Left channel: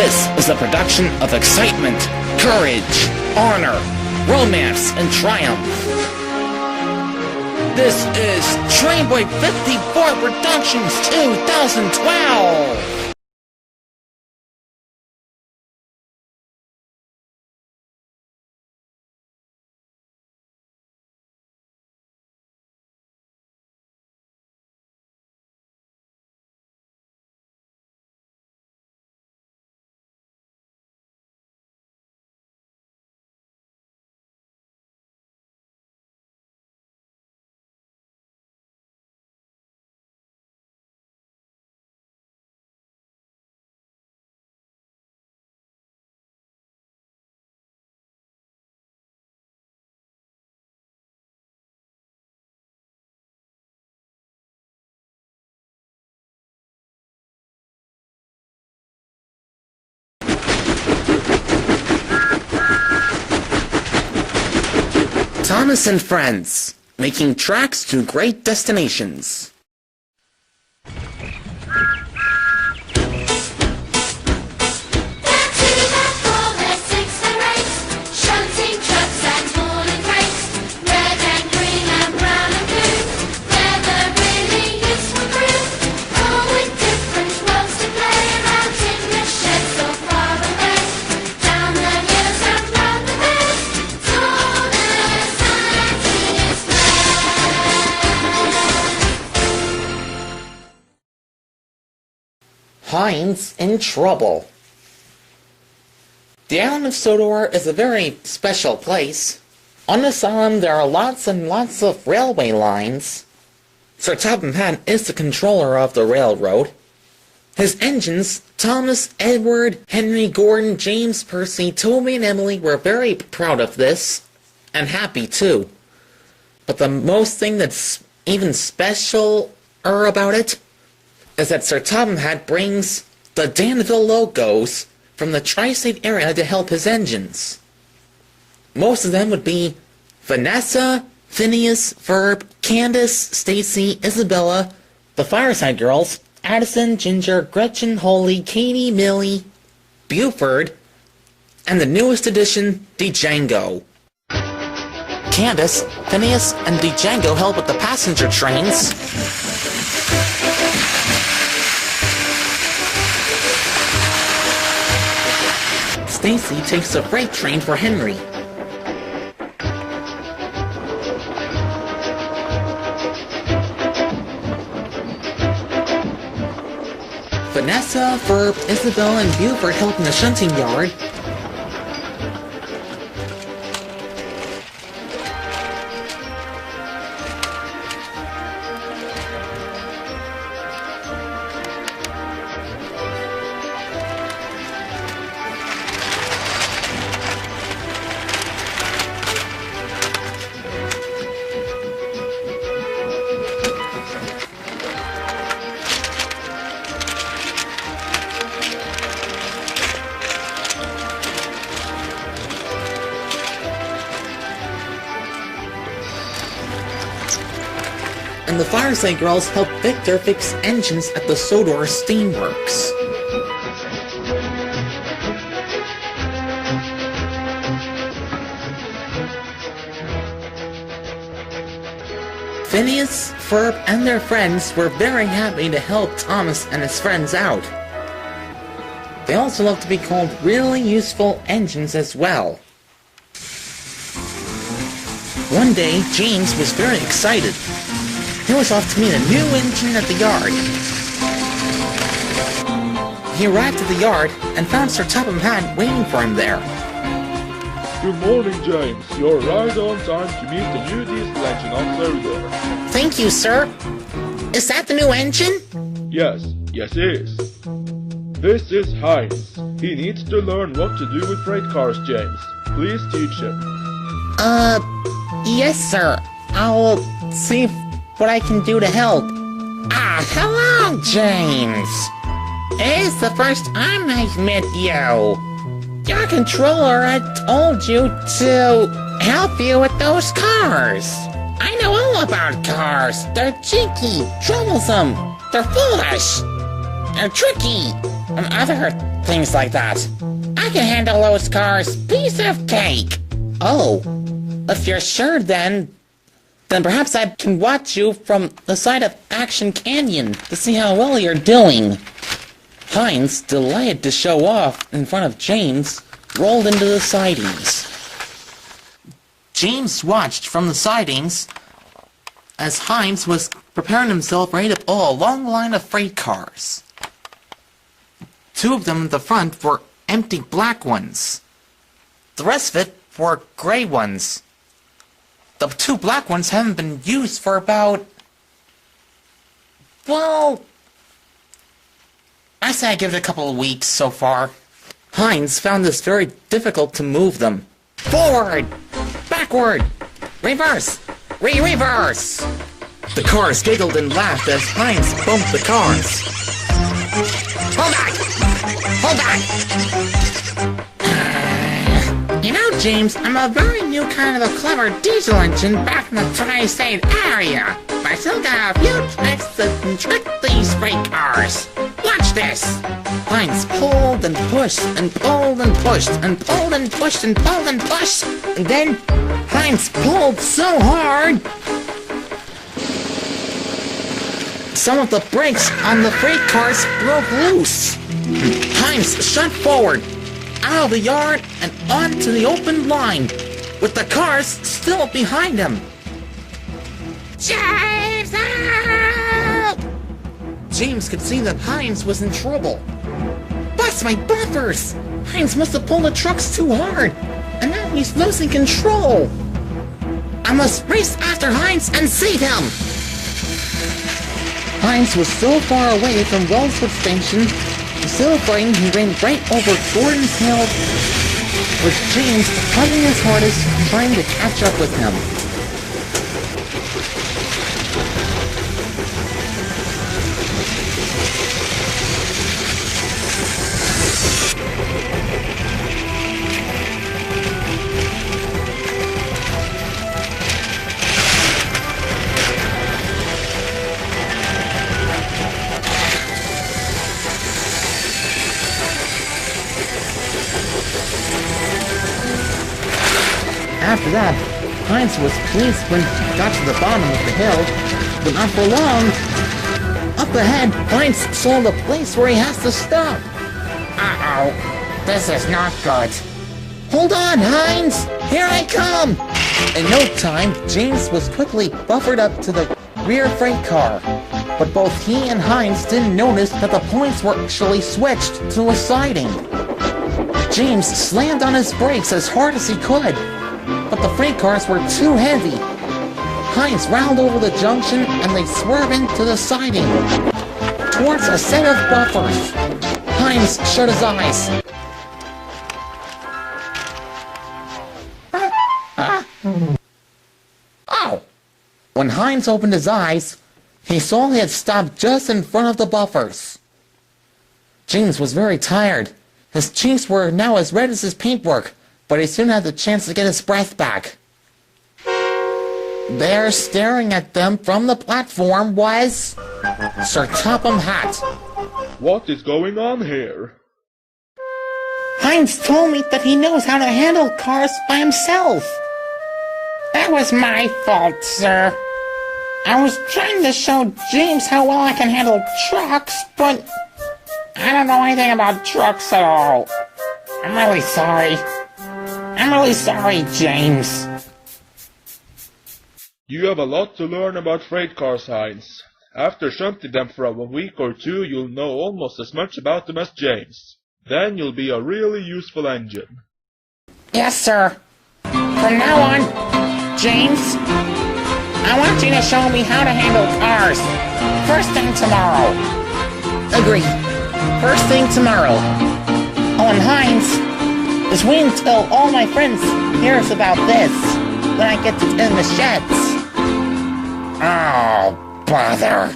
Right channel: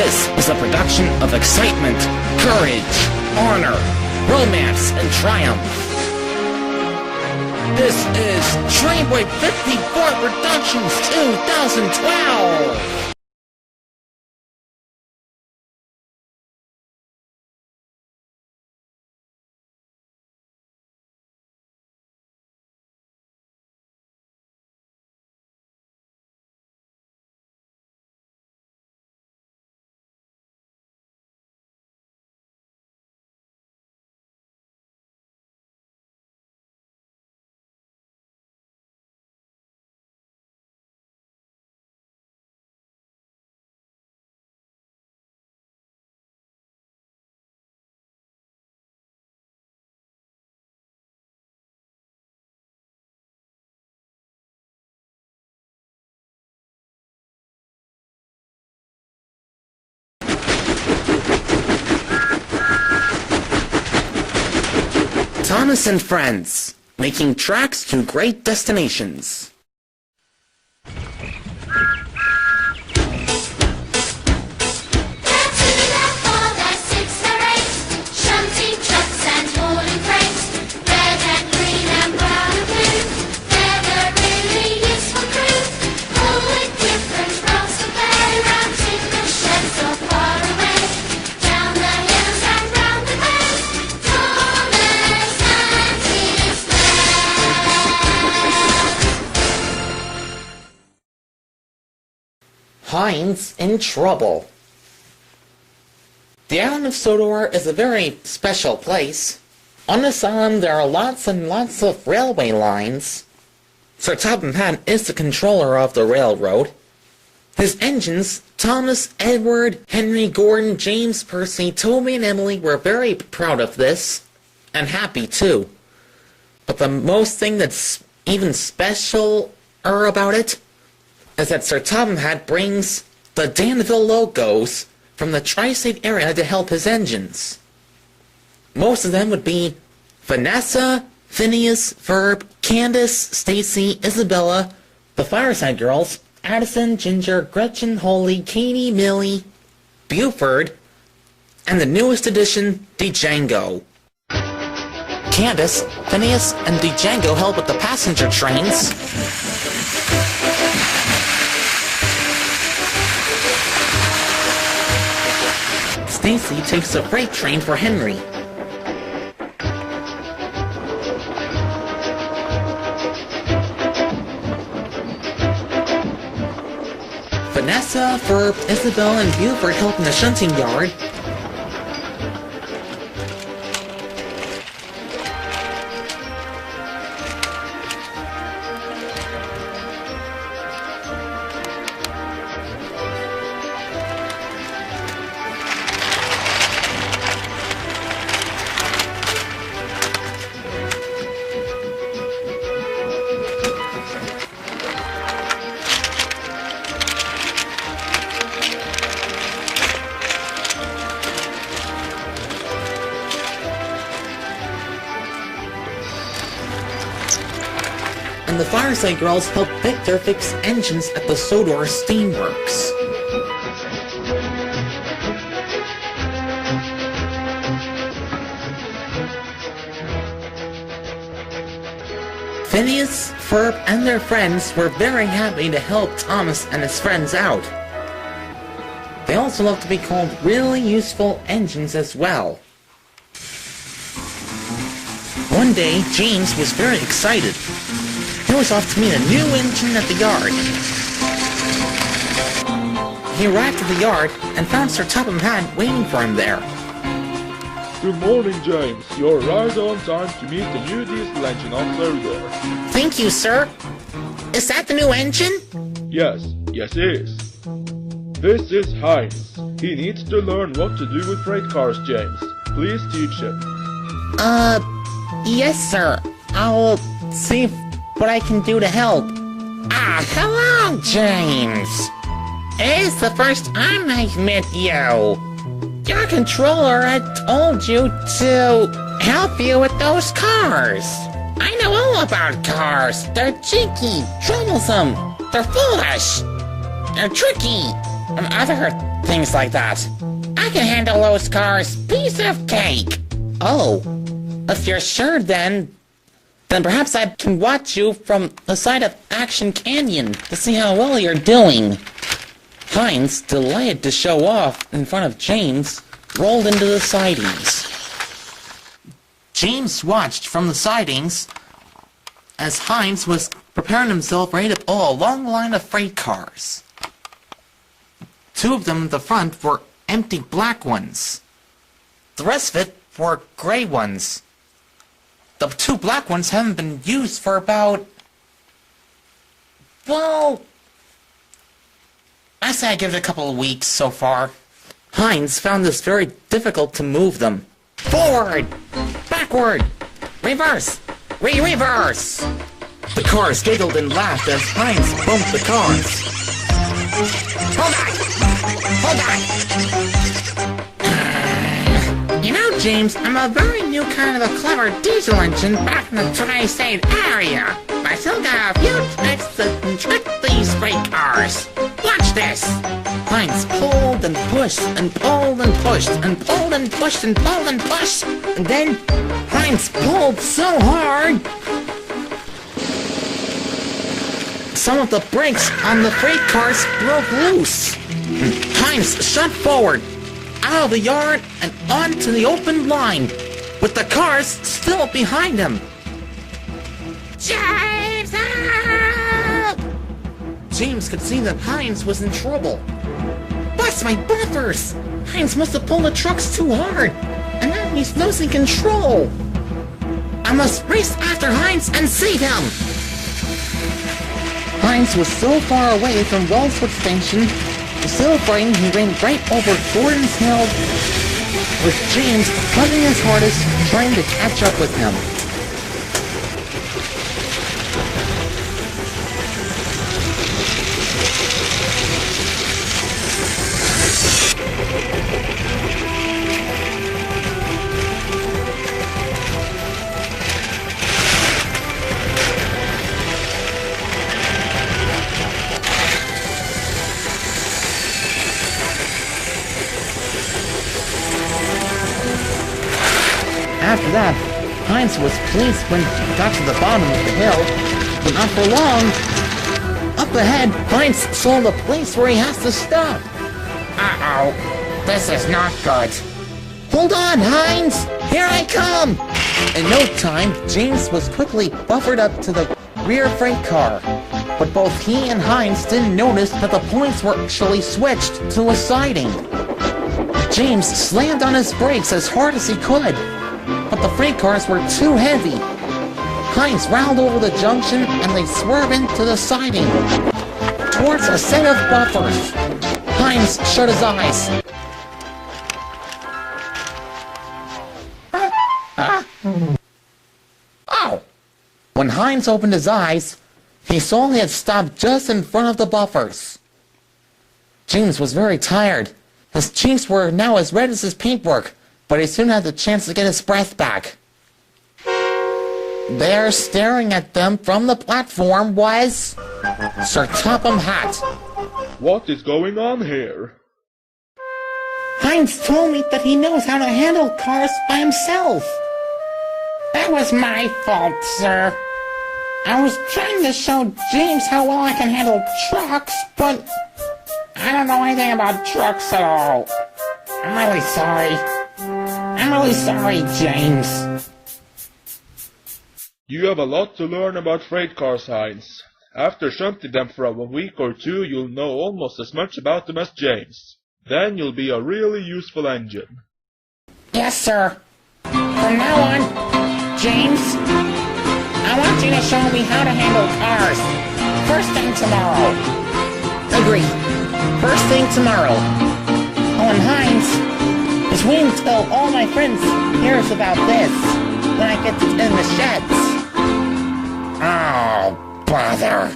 This is a production of excitement, courage, honor, romance, and triumph. This is Trainboy 54 Productions 2012! Thomas and Friends, making tracks to great destinations. Heinz in trouble. The island of Sodor is a very special place. On this island there are lots and lots of railway lines. Sir Topham Hatt is the controller of the railroad. His engines, Thomas, Edward, Henry, Gordon, James, Percy, Toby, and Emily were very proud of this, and happy too. But the most thing that's even specialer about it is that Sir Topham Hatt brings the Danville logos from the tri-state area to help his engines. Most of them would be Vanessa, Phineas, Verb, Candace, Stacy, Isabella, the Fireside Girls, Addison, Ginger, Gretchen, Holly, Katie, Millie, Buford, and the newest addition, Django. Candace, Phineas, and Django help with the passenger trains. Stacy takes the freight train for Henry. Vanessa, Verb, Isabel, and Buford help in the shunting yard. And the Fireside Girls help Victor fix engines at the Sodor Steamworks. Phineas, Ferb, and their friends were very happy to help Thomas and his friends out. They also love to be called really useful engines as well. One day, James was very excited. He was off to meet a new engine at the yard. He arrived at the yard and found Sir Topham Hatt waiting for him there. Good morning, James. You're right on time to meet the new diesel engine on Sodor. Thank you, sir. Is that the new engine? Yes, it is. This is Heinz. He needs to learn what to do with freight cars, James. Please teach him. Yes, sir. I'll see what I can do to help. Hello, James. It's the first time I've met you. Your controller had told you to help you with those cars. I know all about cars. They're cheeky, troublesome, they're foolish, they're tricky, and other things like that. I can handle those cars, piece of cake. Oh, if you're sure then perhaps I can watch you from the side of Action Canyon to see how well you're doing. Heinz, delighted to show off in front of James, rolled into the sidings. James watched from the sidings as Heinz was preparing himself ready to pull a long line of freight cars. Two of them in the front were empty black ones. The rest of it were gray ones. The two black ones haven't been used for about... well... I say I give it a couple of weeks so far. Heinz found this very difficult to move them. Forward! Backward! Reverse! Reverse! The cars giggled and laughed as Heinz bumped the cars. Hold back! Hold back! You know, James, I'm a very new kind of a clever diesel engine back in the tri-state area. But I still got a few tricks that can trick these freight cars. Watch this! Heinz pulled and pushed and pulled and pushed and pulled and pushed and pulled and pushed. And then Heinz pulled so hard some of the brakes on the freight cars broke loose. Heinz shot forward, out of the yard and onto the open line, with the cars still behind him. James, help! James could see that Heinz was in trouble. Bust my bumpers! Heinz must have pulled the trucks too hard, and now he's losing control. I must race after Heinz and save him! Heinz was so far away from Wellswood Station, so frightened he ran right over Gordon's Hill, with James hunting his hardest, trying to catch up with him. After that, Heinz was pleased when he got to the bottom of the hill, but not for long. Up ahead, Heinz saw the place where he has to stop. Uh-oh, this is not good. Hold on, Heinz! Here I come! In no time, James was quickly buffered up to the rear freight car, but both he and Heinz didn't notice that the points were actually switched to a siding. James slammed on his brakes as hard as he could, but the freight cars were too heavy. Heinz rounded over the junction and they swerved into the siding towards a set of buffers. Heinz shut his eyes. Oh! When Heinz opened his eyes, he saw he had stopped just in front of the buffers. James was very tired. His cheeks were now as red as his paintwork, but he soon had the chance to get his breath back. There, staring at them from the platform, was Sir Topham Hatt. What is going on here? Heinz told me that he knows how to handle cars by himself. That was my fault, sir. I was trying to show James how well I can handle trucks, but I don't know anything about trucks at all. I'm really sorry. I'm really sorry, James. You have a lot to learn about freight cars, Heinz. After shunting them for a week or two, you'll know almost as much about them as James. Then you'll be a really useful engine. Yes, sir. From now on, James, I want you to show me how to handle cars. First thing tomorrow. Agreed. First thing tomorrow. Oh, and Heinz, just wait until all my friends hears about this. Then I get to in the sheds. Oh, bother.